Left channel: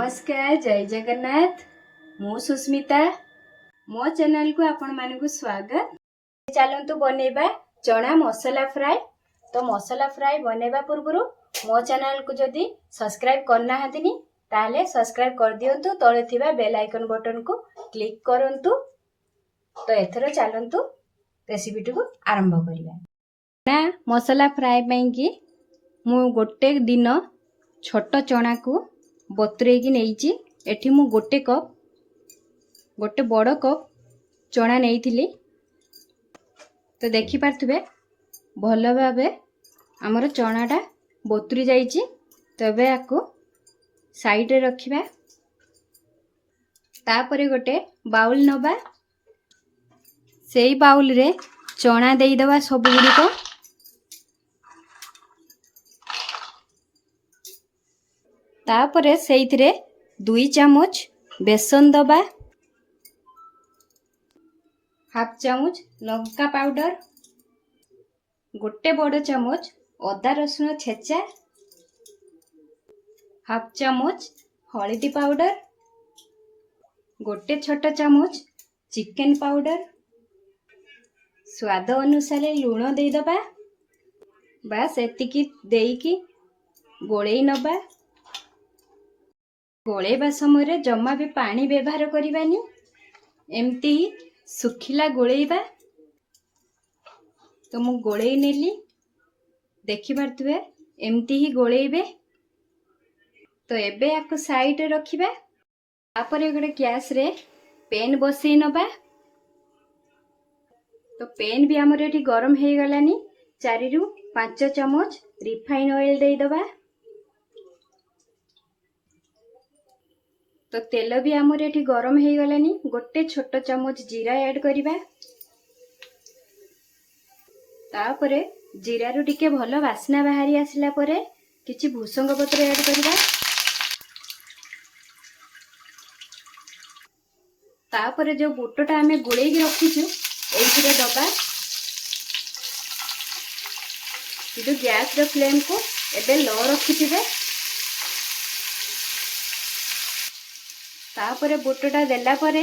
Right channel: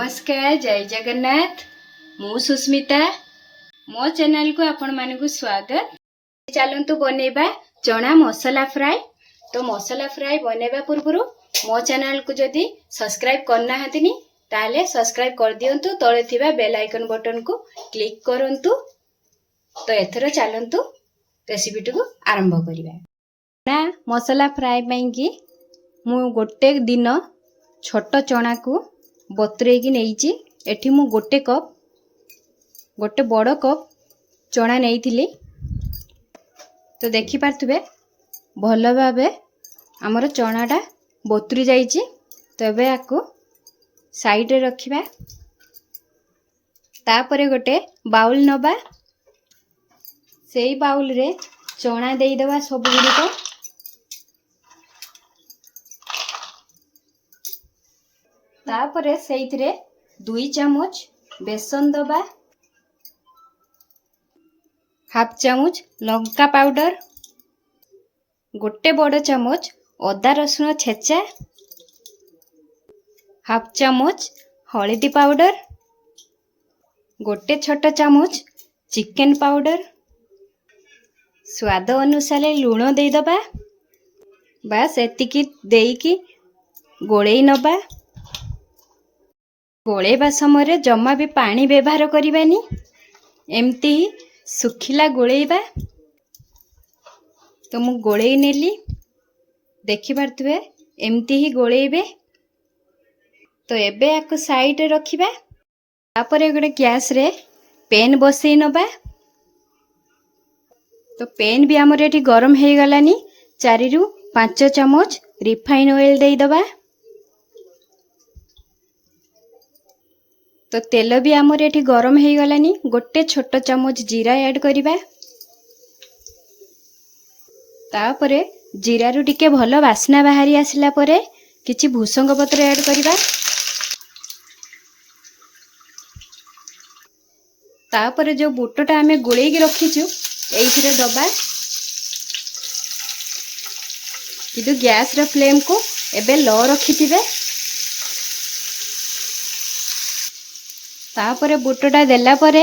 नमस्कार जय जगन्नाथ मु सुस्मिता मो चैनल को आपण मानकु स्वागत। चलंतु बनेबा चना मसाला फ्राई। तो मसाला फ्राई बनेबा पूर्वरु मो चैनल को जदि सब्सक्राइब करना हतिनी ताले सब्सक्राइब कर दियंतु। तळे थिबा बेल आइकन बटन को क्लिक करंतु। तो एथरो चलंतु रेसिपी को आरंभ करिबा। ना मसाला फ्राई पई कि मु गोटे दिन छोट चना को बतुरेकी नहीं। एठी मु गोटे बड़ कप चना नहीं। तो देखि पारथुबे भल भाबे हमर चनाटा बतुरी जाइछि। तबे आको साइड रे रखिबा। तापरे गोटे बाउल नबा। सेई बाउल रे चना देई दबा सब गुडी को। तापरे सेइथिरे 2 चामच बेसन दबा, हाफ चामच लंका पाउडर, गोटे बड़ चामच अदा रसुण छेचा, हाफ चामच हळदी पाउडर, गोटे छोट चामच चिकन पाउडर, स्वाद अनुसार लूण दे दबा। बस एतिकी देईकी गोळेई नबा। गोळेबा समय जमा भी पानी व्यवहार करिबानी। एमती सुखिला गोळेबा। तो मु गोळेई नेली। देखि पारथुबे एमती ही गोळेबे। तो एबे आको साइड रे रखिबा। तापरे गोटे गैस रे पेन बसई नबा। तो पेन भी हमर एठी गरम हे गलानी। 4 रु 5 चामच रिफाइन ऑयल देई दबा। तो तेल भी आमर एठी गरम हे गलानी। गोटे छोट चामच जीरा ऐड करिबा। तापरे जीरा रु टिके भलो वासना बाहरी आसिला परे किछि भूसंग पत्र ऐड करिबा। तापरे जो बुटटा आमे गोळेई के रखिछु एइथिरे दबा। किदु गैस रे फ्लेम को एबे लो रखिथिबे। तापरे बुटटा देला परे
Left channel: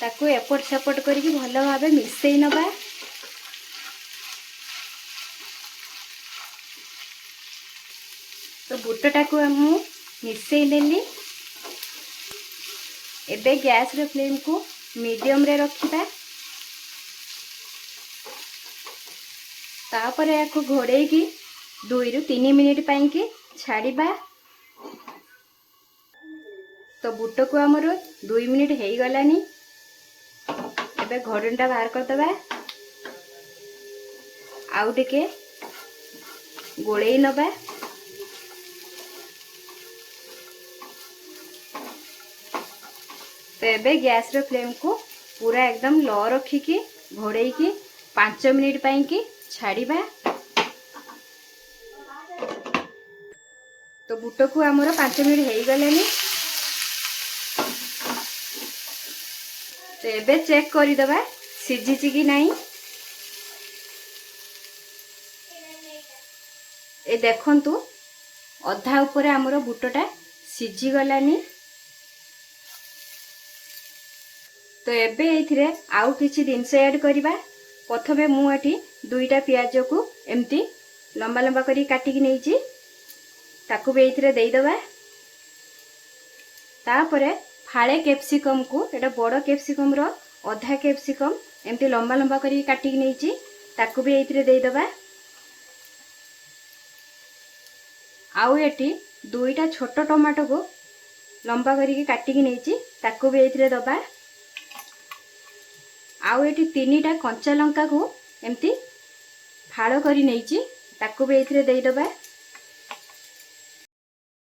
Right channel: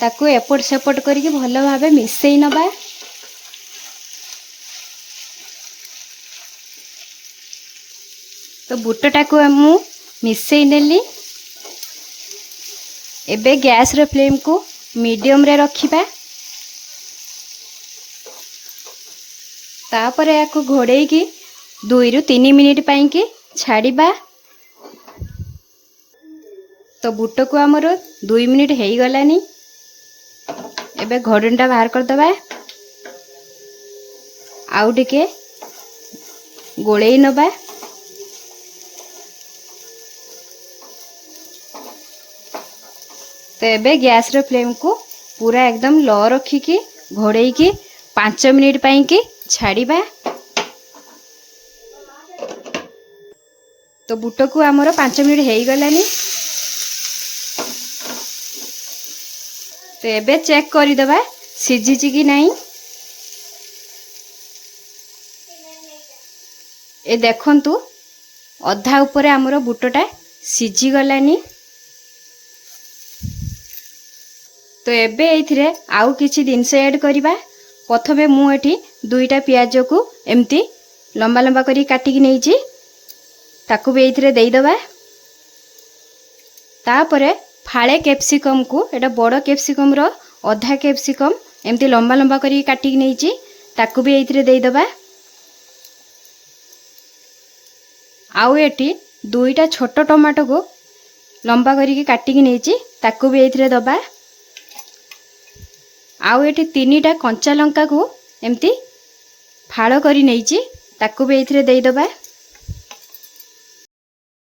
ताकू एपट सेपट करके भलो भाबे मिसई नबा। तो बुटटा को मु मिसई नेली। एबे गैस रे फ्लेम को मीडियम रे रखिबा। तापरे याकू घोड़ेई की 2 रु 3 मिनिट पई की छाड़ीबा। तो बुट को आमर 2 मिनिट हे गलानी। एबे घोड़नटा बाहर कर दबा। आउ टिके गोळेई नबा। तो एबे गैस रे फ्लेम को पूरा एकदम लो रखी की घोड़ेई की 5 मिनिट पई की छाड़ीबा। तो बुट को आमर 5 मिनिट हे गलानी। तो एबे चेक करी दबा सिझिछि कि नहीं। ए देखंतु अधा ऊपर आमर बुटटा सिझी गलानी। तो एबे एथिरे आउ किछि जिंस ऐड करिबा। प्रथमे मु एठी 2टा प्याज को एम्ति लंबा लंबा करी काटी कि नेइछि। ताकू भी एथिरे देई दबा। तापरे फाळे कैप्सिकम को एटा बड़ कैप्सिकम रो आधा कैप्सिकम एमती लंबा लंबा करी काटी नेइछि। ताकू भी एथिरे देई दबा। आउ एठी 2टा छोट टमाटो को लंबा करी काटी नेइछि। ताकू भी एथिरे दबा। आउ एठी 3टा कंचा लंका को एमती फाळ करी नेइछि। ताकू भी एथिरे देई दबा।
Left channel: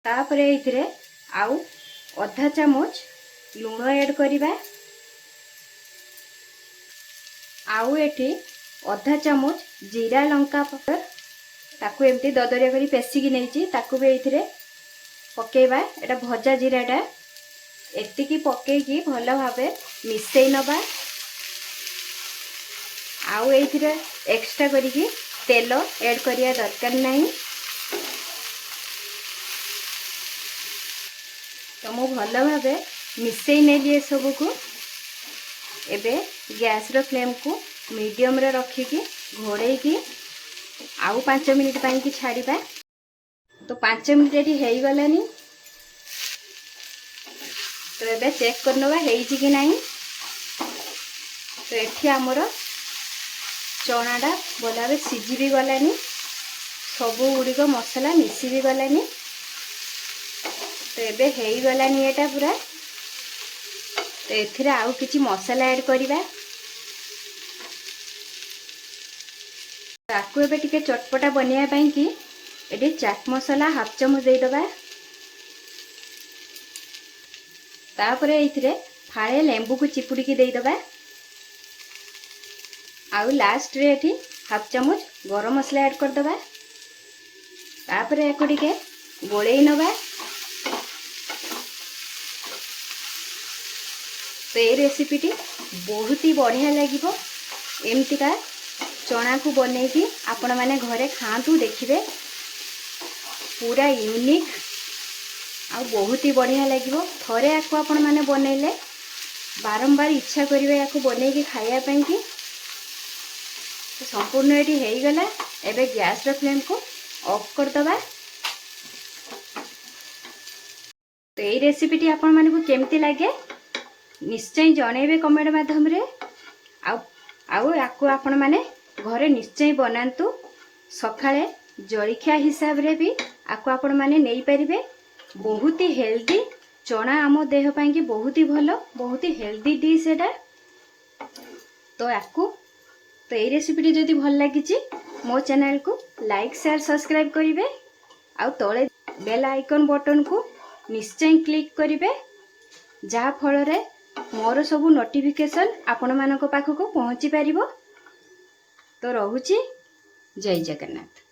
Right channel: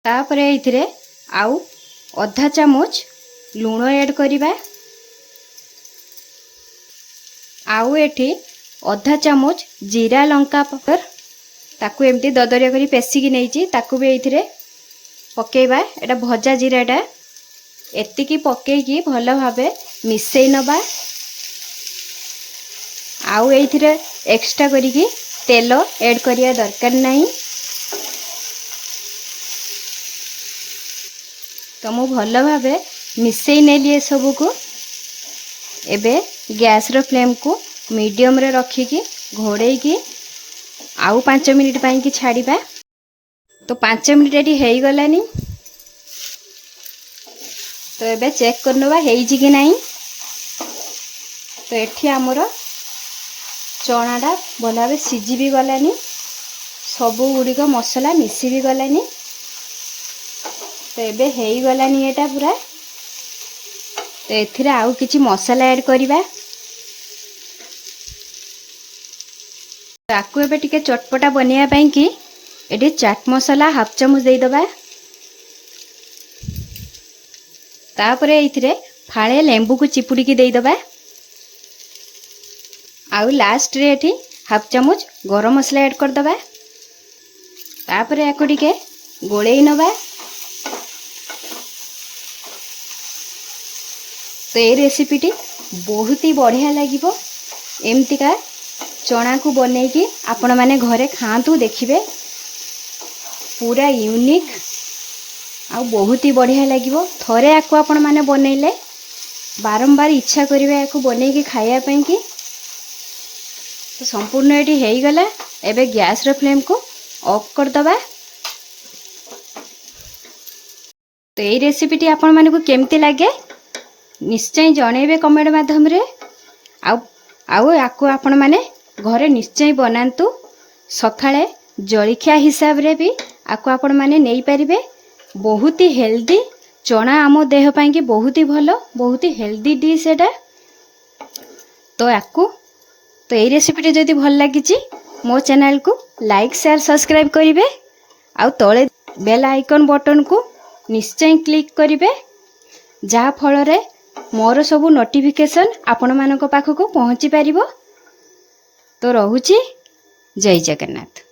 तापरे एथिरे आउ आधा चामच लूण ऐड करिबा। आउ एठी आधा चामच जीरा लंका पाउडर ताकू एमती ददरिया करी पेसी की नेइछि। ताकू भी एथिरे पकेइबा। एटा भजा जीराटा एतिकी पकेई की भलो भाबे मिसई नबा। आउ एथिरे एक्स्ट्रा करी की तेल ऐड करिया दरकार नहीं। तो मु भल भाव मिसई नेली सबको। एबे गैस रो फ्लेम को मीडियम रे रखिकी घोड़े की आउ 5 मिनिट पाई की छाड़िबा। तो 5 मिनिट एटी हेई गलानी। तो एबे चेक करनवा हेइची कि नहीं। तो एठी हमर चनाटा भल भाव सिझी भी गलानी, सबू गुड़िक मसला मिसी भी गलानी। तो एबे हेई गलानी एटा पूरा। तो एथिरे आउ किछि मसला ऐड करिबा। ताकू एबे टिके चटपटा बनिया पई कि एटी चाट मसला हाफ चामच दे दबा। तापरे एथिरे फाळे लेंबू को चिपुड़ी की दे दबा। आउ लास्ट रे एठी हाफ चामच गरम मसला ऐड कर दबा। तापरे याको टिके गोळेई नबा। तो ये रेसिपीटी बहुत ही बढ़िया लगे। एमतीका चना को बनईकी आपण माने घरे खातु, देखिए पूरा यूनिक आ बहुत ही बढ़िया लगे। थरे याको आपण माने बनैले बारंबार इच्छा करिवे याको बनईकी खाया पई कि। तो संपूर्ण एटी हेई गला। एबे गैस रो फ्लेम को ऑफ कर दबा। तो ये रेसिपीटी आपण माने को केमती लागे निश्चय जणेबे कमेंट माध्यम रे। आउ याको आपण माने घरे निश्चय बनातु। सकाळे जलखिया हिसाब रे भी आको आपण माने नेई परिबे। बहुत ही हेल्दी चना आम देह पाई कि बहुत ही भलो, बहुत ही हेल्दी डिश एटा। तो याको तो ये रेसिपीटी जदि भल लागिची मो चैनल को लाइक शेयर सब्सक्राइब करिवे। आउ तळे बेल आइकन बटन को निश्चय क्लिक करिवे, जहा फल रे मोर सबु नोटिफिकेशन आपण मानक पाखक पहुँची पारिबो। तो रहुची जय जगन्नाथ।